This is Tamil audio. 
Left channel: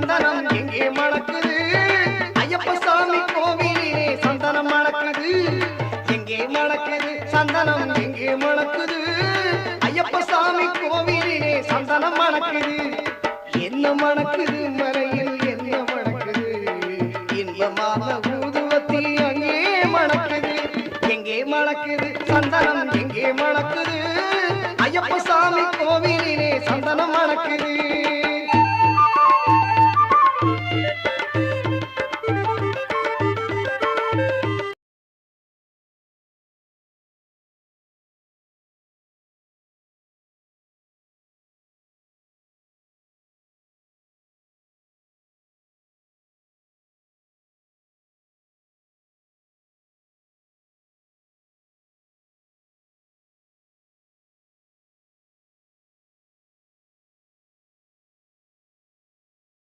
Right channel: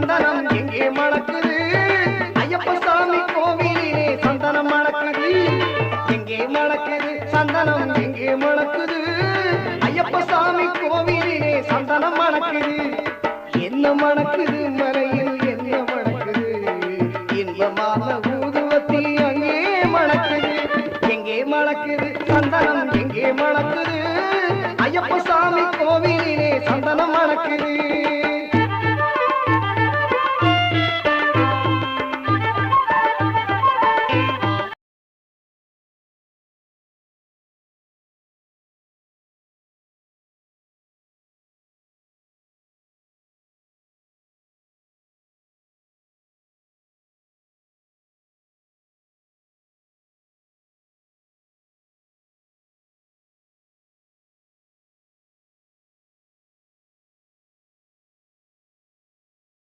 சந்தனம் எங்கே மணக்குது ஐயப்ப சாமி கோவிலிலே சந்தனம் மணக்குது எங்கே மணக்குது சந்தனம் எங்கே மணக்குது ஐயப்ப சாமி கோவிலிலே சந்தனம் மணக்குது என்ன மணக்குது மறையில் என்ன மணக்குது இன்பமான ஊதுவத்தி அங்கே மணக்குது எங்கே மணக்குது சந்தனம் எங்கே மணக்குது ஐயப்ப சாமி கோவில்